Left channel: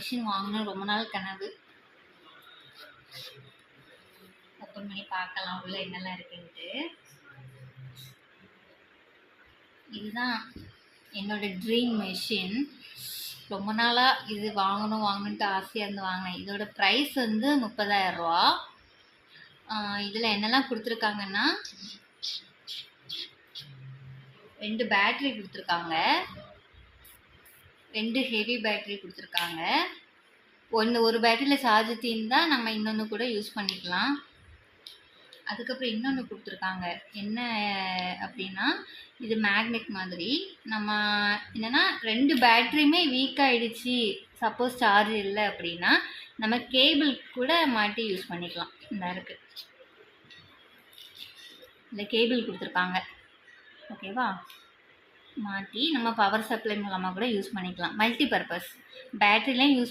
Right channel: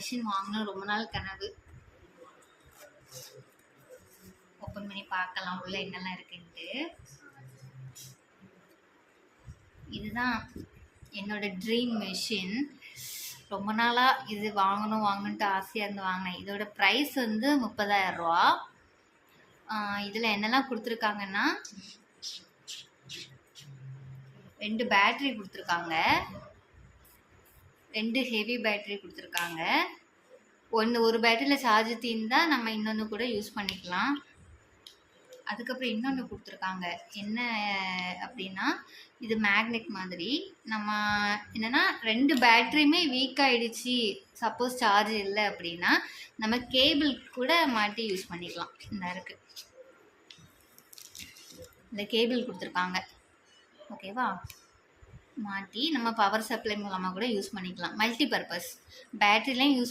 Machine வாங்கணும் ரொம்ப நாள் கனவு. ஓப்பன் பண்ணி பார்க்கலாம் உள்ள என்னெல்லாம் இருக்குன்ட்டு. இதுதான் என்னோட ட்ரீம் மிஷின். ரொம்ப நாளாக இது வாங்கணுன்ட்டு ஆசையாக இருந்து வாங்கினேன். இதோட ப்ரைஸ் வந்து 30,000 ரூபா. இதில் என்னெல்லாம் கொடுத்துருக்காங்கன்னா 2 பேட்ரி கொடுத்துருக்காங்க, 2 ஹெவி பேட்ரி கொடுத்துருக்காங்க. ஒரு பேட்டரியில் சார்ஜ் தீர்ந்தால் நம்ம இன்னொன்று கூட யூஸ் பண்ணிக்கலாம். அதுக்கப்புறம் இன்னொன்று கொடுத்துருக்காங்க, என்ன அப்படின்னா இது மேக்னெட் மாதிரி. நம்ம என்னென்னா 2 பேட்ரியுமே வீக் ஆகிடுச்சு, சப்போஸ் சார்ஜ் இல்லை அப்படின்னா நம்ம கேபிள் கூட மாட்டி யூஸ் பண்ணிக்கலாம். இந்த இருக்குது இந்த கேபிள் கொடுத்துருக்காங்க, ஓகேவா? மாட்டி நம்ம பவர் சப்ளை மூலமாக கூட யூஸ் பண்ணிக்கலாம். Multi purpose பேட்டரிலையும் use